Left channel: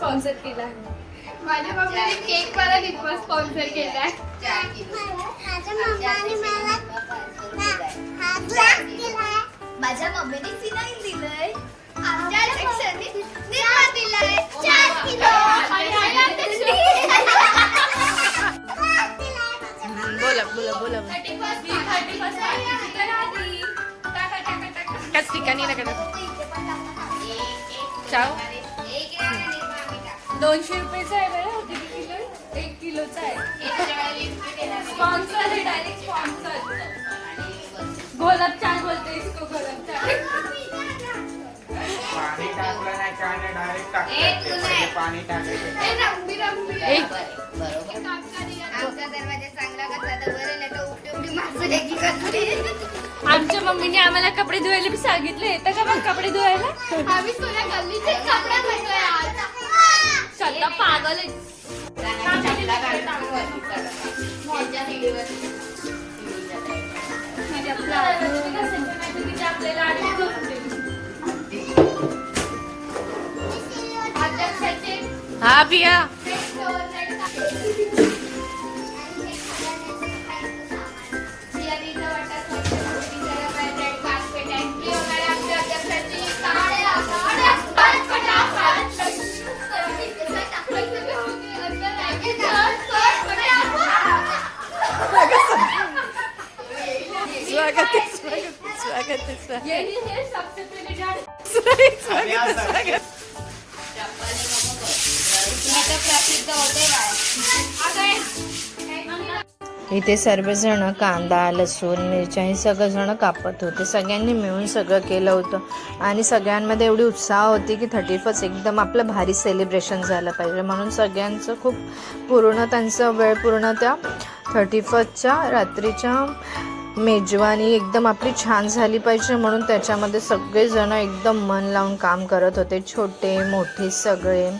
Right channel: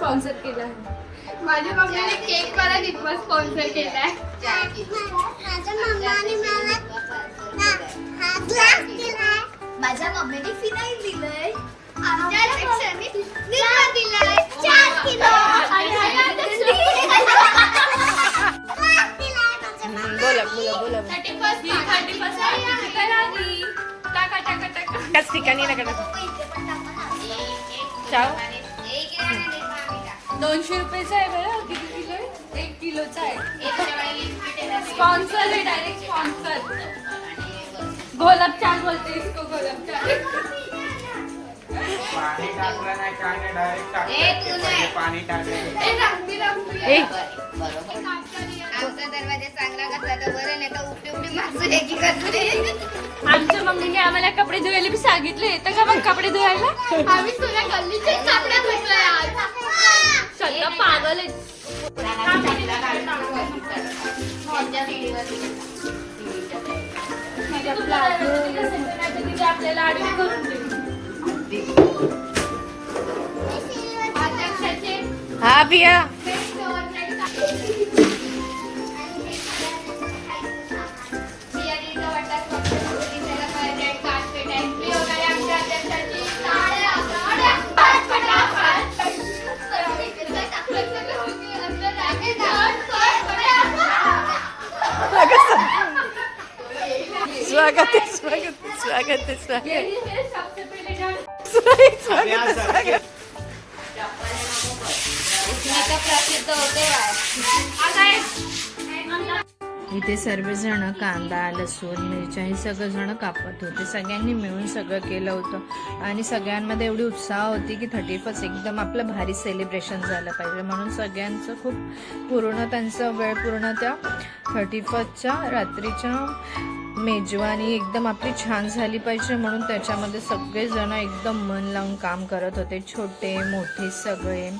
Sponsor केला आहे. माझ्या मम्मीने केक मला दिवस स्पॉन्सर केलाय. माझ्या मम्मीने फिनाईल दिलंय. बोला बोला बोला त्याच ठिकाणी नका चाव 200 रुपयाचा आहे बरं. किती किलो आहे? 1 किलोचा आहे. स्पॉन्सर आहे, डायरेक्ट स्पॉन्सर. गुलाबजाम बोलते इसको, गुलाबजाम. पाणी टाकलं नाही काय नाही डायरेक्ट टाकलं पाणी आमचा दरवाजा चांगला घातला तर बरं, नाही तर उपटी उपटी माणसं एकी करते. आमच्या मम्मीने आम्हाला कपडे धुवायला बी सांगितले. येतं का मग कपडे धुवायला? आम्ही तुला गल्लीचे कपडे धुतले आज. सगळं पागल आहे. आपल्याला आडवी करून दे. हा पिया स्वागत है स्वागत स्वागत है स्वागत स्वागत. इथे सर्वजण कांदा लसूण मिरच्या हे सगळंजण कापत होते. सगळ्यांनी मिळून सगळं केलं होतं आणि सगळ्यांमध्ये एवढी उत्साह होती की 31 एकदम आपलं भारी सेलिब्रेशन झालं पाहिजे म्हणून सगळ्यांचं खूप पूर्ण त्यांचं वेळ पूर्ण त्या 31च्या रात्रीच्या मेजवानी एकदम आपली छान झाली पाहिजे म्हणून त्याच्यामध्ये सगळेजण एकदम मन लावून काम करत होते. छोटे मोठे सगळे.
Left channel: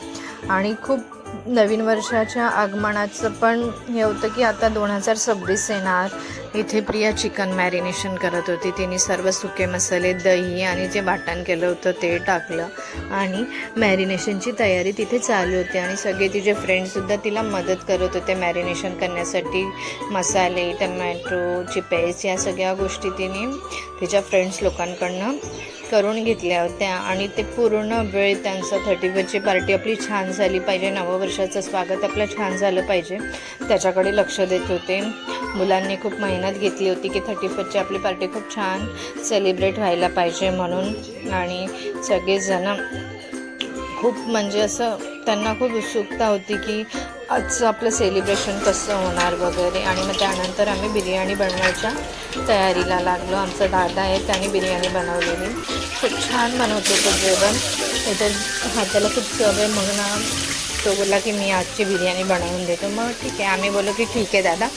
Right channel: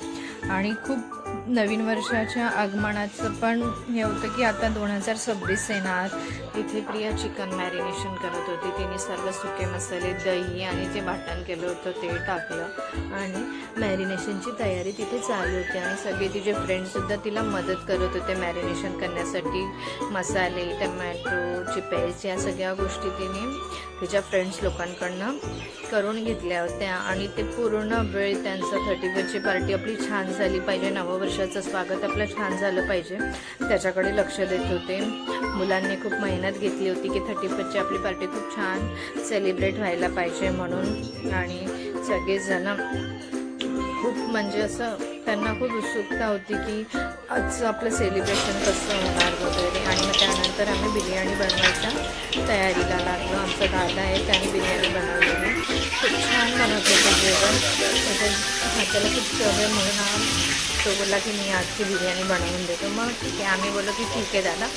आणि खूप नवीन वर्षाच्या आगमनाचं पण हे होतं की आता 2026 येणार. इथे प्रिया चिकन मॅरिनेशन करत होती. तिने सर्व सुके मसाले दही आणि जे वाटण केलं होतं ते टाकलं आणि मॅरिनेशनची तयारी तिथे चालू होती आणि सगळे तिचे फ्रेंड्ससुद्धा तिला मदत करत होते मॅरिनेशन करण्यासाठी. मसाले टमॅटोची पेस्ट या सगळ्या गोष्टी तिने तिच्या फ्रेंड्स लोकांकडनं करून घेतल्या होत्या आणि ते पूर्ण वेळ त्यांचं 31ची पार्टी आपली छान झाली पाहिजे, नववर्षाचं स्वागत आपलं छान झालं पाहिजे त्याच्याकडे लक्ष देत होते. मुलांनी खूप मेहनत घेतली होती की 31ची आपली पार्टी खूप छान सेलिब्रेट व्हायला पाहिजे म्हणून. आणि सगळेजण खूप म्हणजे असं त्यांना खूप उत्सुकता होती की आजचं आपलं सेलिब्रेशन कसं होणार वगैरे. आणि मग त्यानंतर आम्ही बिर्याणी बनवायच्या तयारीला लागलो. आमचा दादा आहे त्याने बिर्याणी बनवलेली. खूप छान बनवते ते जेवण. त्याच्या हाताला खूप चव आहे म्हणून तो बोलला की मी आजची बिर्याणी बनवून देतो. मग ठीक आहे आम्ही बोललो की ठीक आहे दादा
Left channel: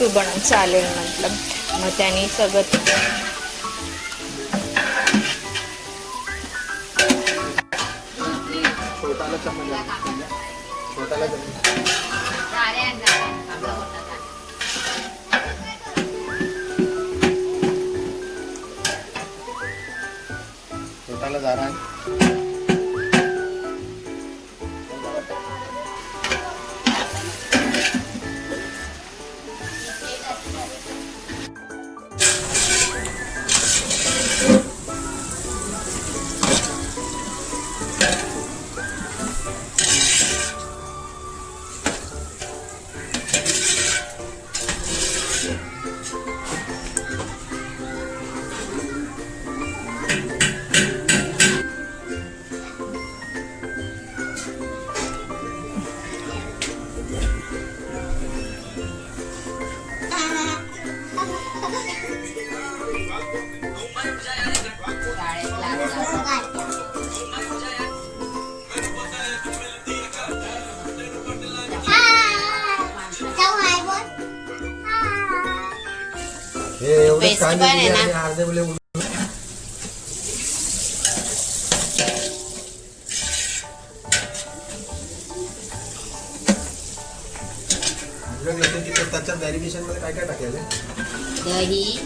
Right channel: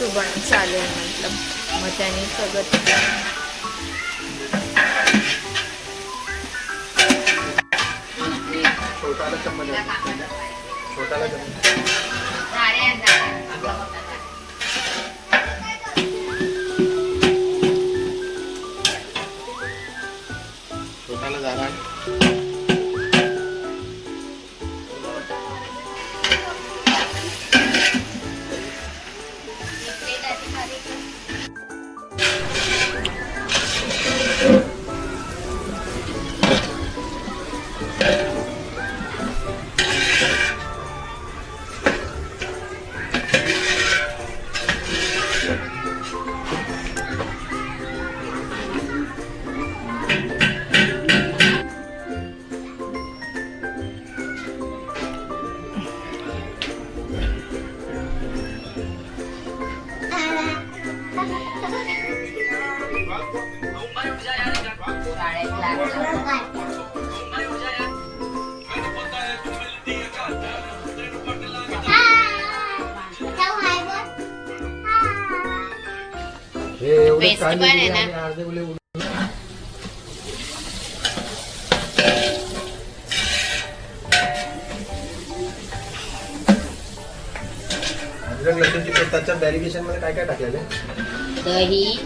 तू बनव चालेल म्हटलं. मग त्याने सगळं त्याच्या व्हेरिएशन मध्ये काय काय टाकलेलं दही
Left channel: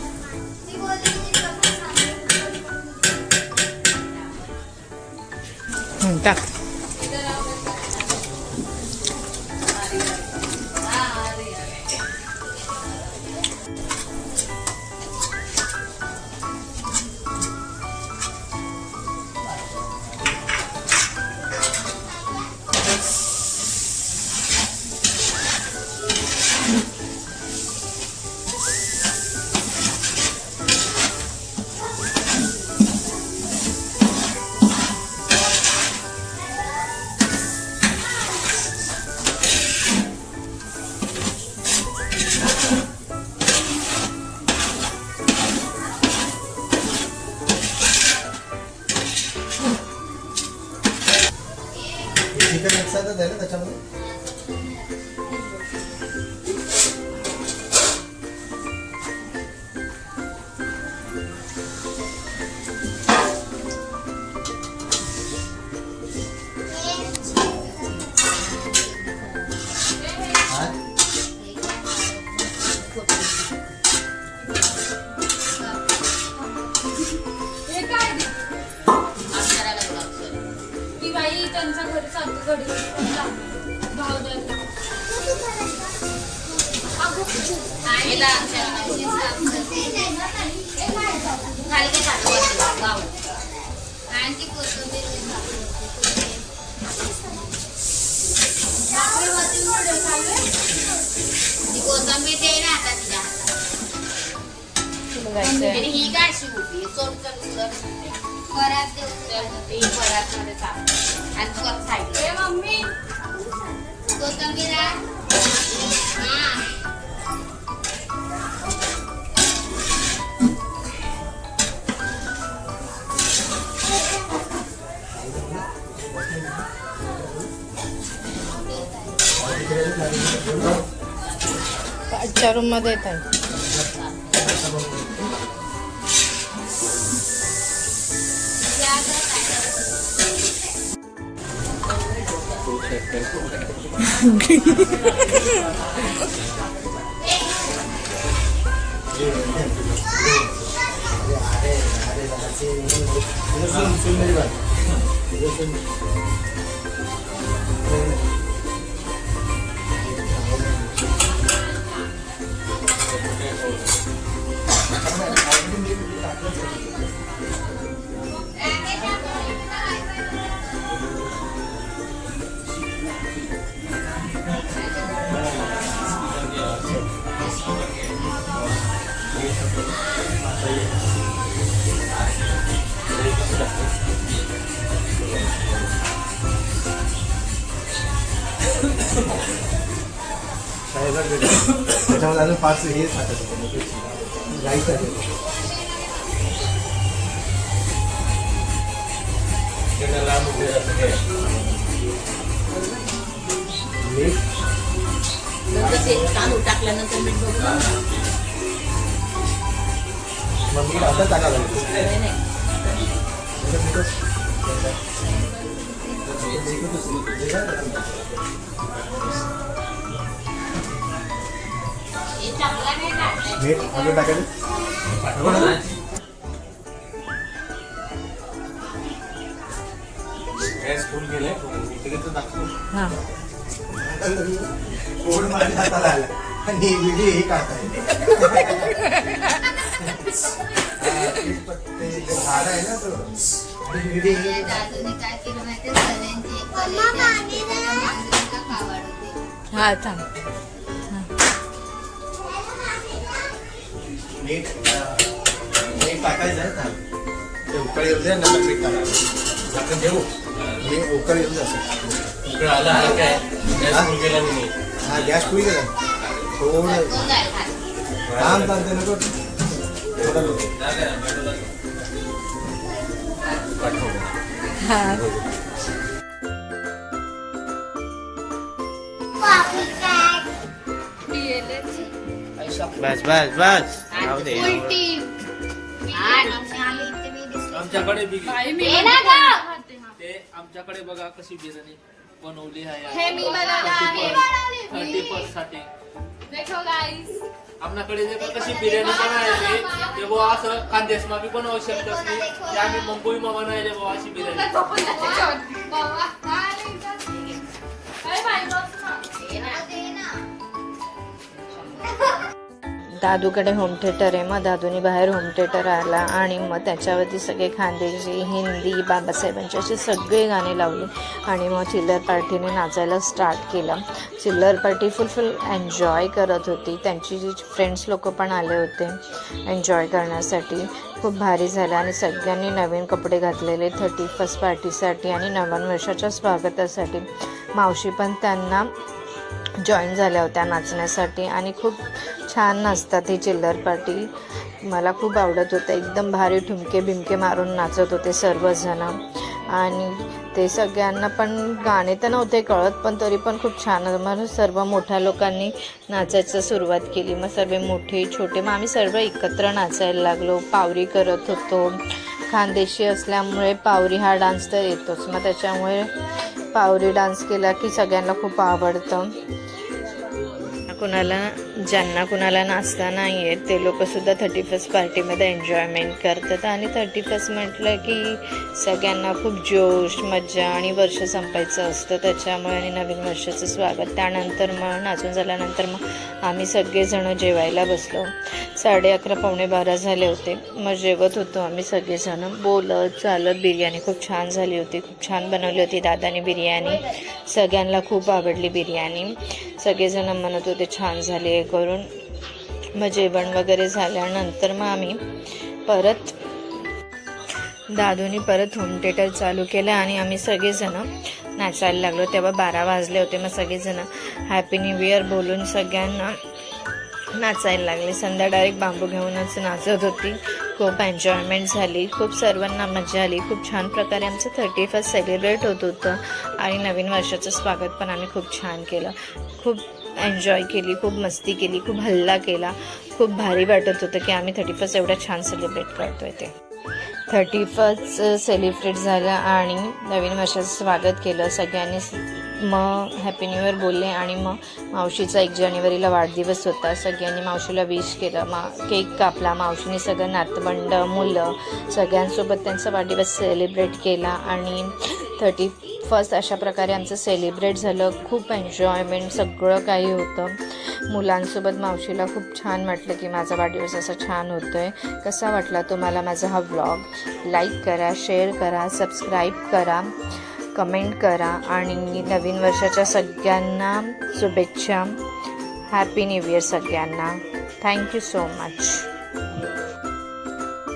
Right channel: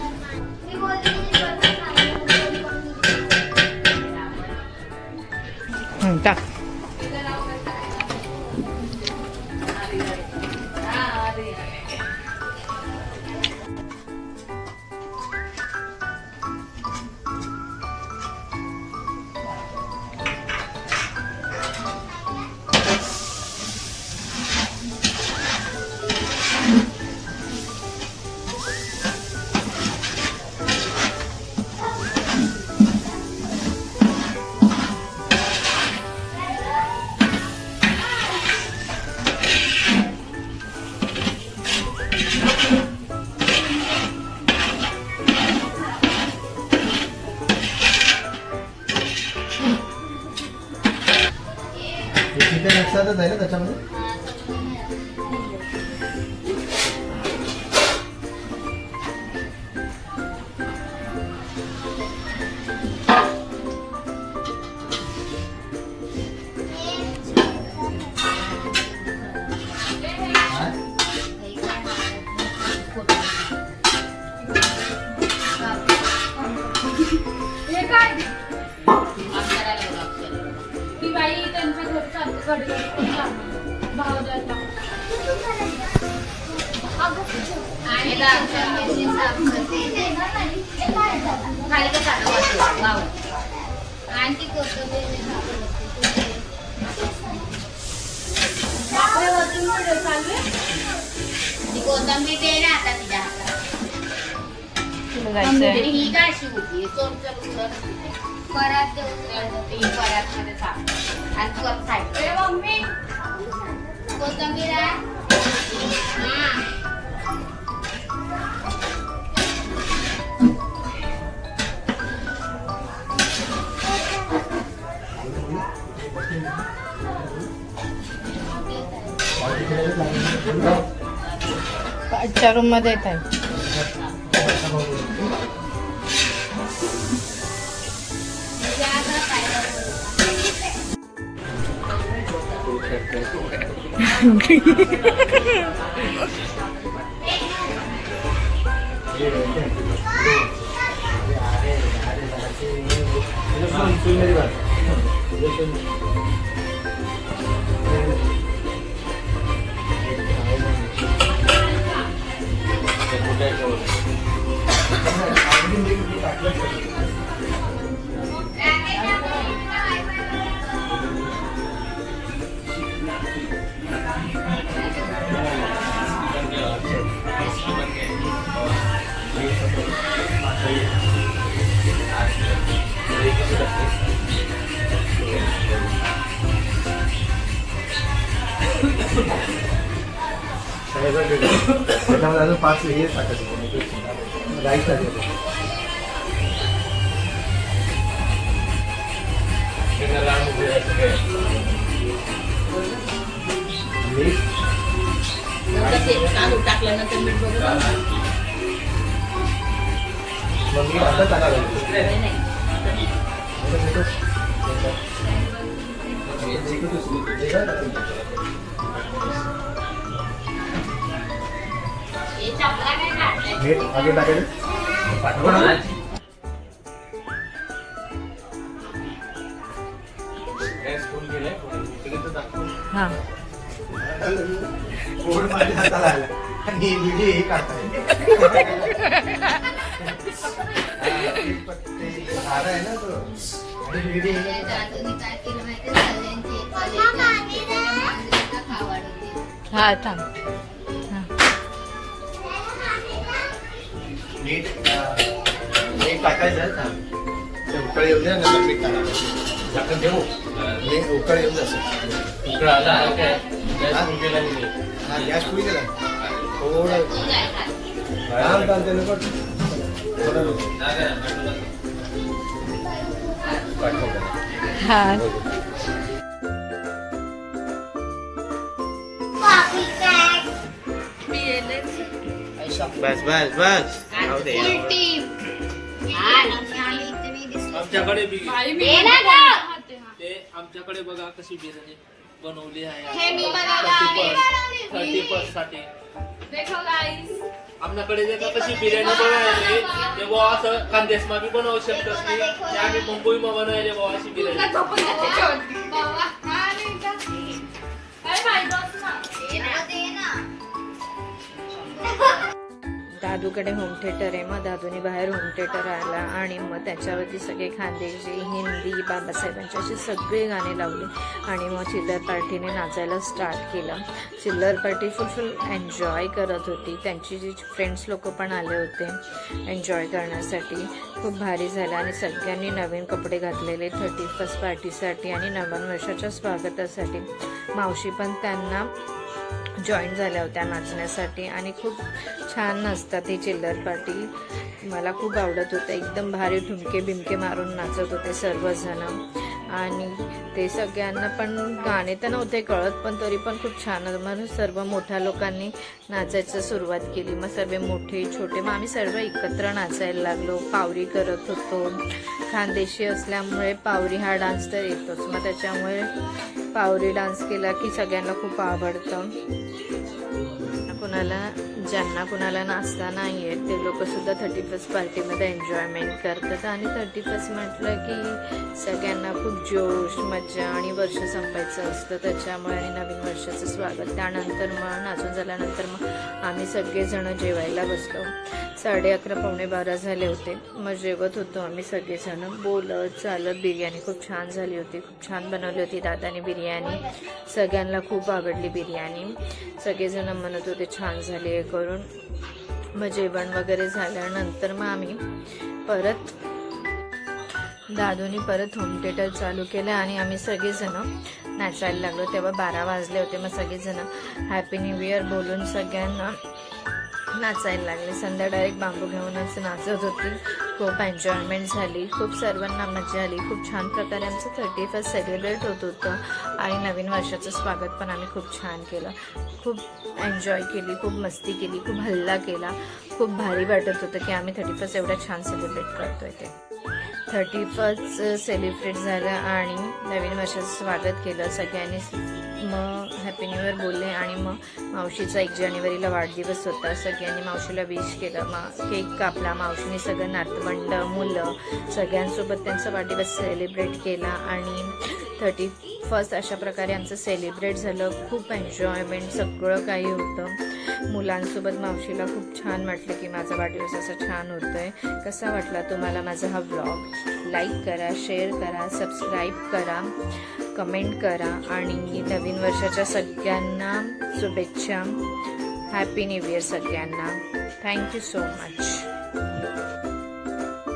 टाक चिकन एकसाथच आहे ना त्याच्यामध्ये. हे काय ते? ती बाई त्यांच्या घरी चालते घरी भावड्याला. कोथंबीर दे ना आता तिच्या बघायचंय. ही काय शिवली सोड परात देऊन परात मध्ये टाक आणि कर साईड ए मम्मी कोथंबीर आहे हा. आजच्या रूम मध्ये येत आहे. त्याच्यामध्ये अजून 5 हे टाकायचे राईस टाकायचे. टाकल्यानंतर मीठ बघून मग मी आता टाकायला लागेल. मीठ अजून टाकायचं. हा पोट माझ्या हाताला आला आणि व्हिडिओ हे काढताय. झाड आहे ना तो व्हिडिओ काय केलं माहिती सगळ्यांची हा थांब. मीठ टाकायचं आहे ना. ते उकळ येऊ दे नंतर मीठ टाकायचं. झाकण ठेवू हे उकळ येऊ द्या. उकळ आला आहे काय गॅस केला मी. हा गॅस फुल केला थोडं काम चालतंय नको. हा बस बस बस आमच्याकडे बी ते आमच्याकडे बघा कशी बिर्याणी बनवली आहे. हे मी बनवलं आहे. 30% साठी देखो गाइस आमच्याकडे जर का कशी बिर्याणी बनवायची तेव्हा असं खानदेश मा बी बनवू शकतात की ते आम्ही मुंबई मा बनवायले बाबा अशी बिर्याणी. दादूकडे होम थिएटर आहे. मग दादूने बाहेर होम थिएटर आला आणि मग त्याच्यावरती सगळे खानदेशी हिंदी बाबासाहेबांची अशी सगळे गाणे लावले आणि मग चिल्लर पार्टीने नाचायला स्टार्ट केलं. चिल्लर पार्टी फुल एन्जॉय करत होती. त्यांची जी फ्रेंड्स लोक पण आले होते एन्जॉय करण्यासाठी. खूप भारी झालं आणि सगळ्यांनी नवीन कपडे घातलेले 31st पार्टीसाठी आणि नवीन वर्षाच्या स्वागतासाठी. मावशी पण त्यांना जॉईन झाल्या होत्या नाचण्यासाठी आणि खूप छान नाचतात ही चिल्लर पार्टी. मला खूप आवडत होतं. एकदम भारी ठुमके बिमके मारून नाचत होते सर्वजण. आणि ते सगळ्यांना पण गाणे तर नव्हते कळत, पण तरी पण खूप छान. मग सर्व मोठ्या लोकांनी नाचायचं सुरुवात केली. मग सर्व मोठे छोटे मग आम्ही सर्व एकत्र नाचायला लागलो. पावरी करत होतो. खानदेशी असल्यामुळे पावरी हा डान्स तर येतोच, मग त्याच्यामुळे पावरी डान्स केला की सगळ्यांना खूप आवडतं. ज्यांना कुणाला नाचता नाही येत ते लोकंसुद्धा 31st पार्टीमध्ये एन्जॉयमेंट करतात. आणि 31st म्हटलं की सगळ्यांना खूप जोश, मज्जा आणि वर्ष संपायचं असतं, त्याच्यामुळे आणि नवीन वर्षाचं स्वागत. त्यानंतर मग नाचून झाल्यानंतर मग आम्ही सगळेजणं जेवायला बसलो. 11:30 पावणे 12 झाले होते. मग जेवत होतो आम्ही सगळेजणं बोलत चालत. बिर्याणी खूप छान झाली होती, खूप छान बनवली होती दादाने बिर्याणी. सगळ्यांना खूप आवडली बिर्याणी. सगळेजण म्हणत होते छान झाली आहे करून. मग जेवण वगैरे झाल्यानंतर मग आम्ही दादूनी परत होम थिएटर चालू केलं आणि आम्ही सगळेजणं नाचायला लागलो. तेव्हा 12 वाजले होते. मग सगळेजणं हॅपी न्यू इयर बोलून सगळ्यांना नाचायला लागले. संध्या डायरेक्ट बांबू घेऊनच नाचत होती. खूप एन्जॉयमेंट झाली, खूप सर्वांना मजा आली. खूप छान प्रकारे आमचं 31st सेलिब्रेट होत होतं आणि नवीन वर्षाचं स्वागत पण आम्ही खूप छान केलं. खूप एन्जॉय केली, खूप मस्ती केली, खूप हल्ला केला. खूप भारी वाटत होतं की आम्ही 31st एवढं छान सेलिब्रेट करतो आहे. ते 31st सेलिब्रेट झालं आणि नवीन वर्षाचं स्वागत केलं सगळ्यांनी. मग हॅपी न्यू इयर बोलले आणि मग मावशीचा 1 जानेवारीला वाढदिवस होता. सगळ्यांनी मावशीला विश केलं. केक कापला. मावशीने सगळं नातवंड, मुलं सगळ्यांसोबत त्यांचा वाढदिवस सेलिब्रेट केला आणि 31st अशा प्रकारे आमचं सेलिब्रेट झालं. खूप एन्जॉयमेंट सगळं काही होतं. मुलांसोबत मावशीला खूप छान वाटलं की माझा वाढदिवस असा छान होतो आहे. कसा वाटला तुम्हाला माझा हा व्लॉग? लाईक करा, शेअर करा, सबस्क्राईब करा, कमेंट करा आणि नवीन वर्षाच्या सगळ्यांना शुभेच्छा. हॅपी न्यू इयर सगळ्यांना. Thank you so much.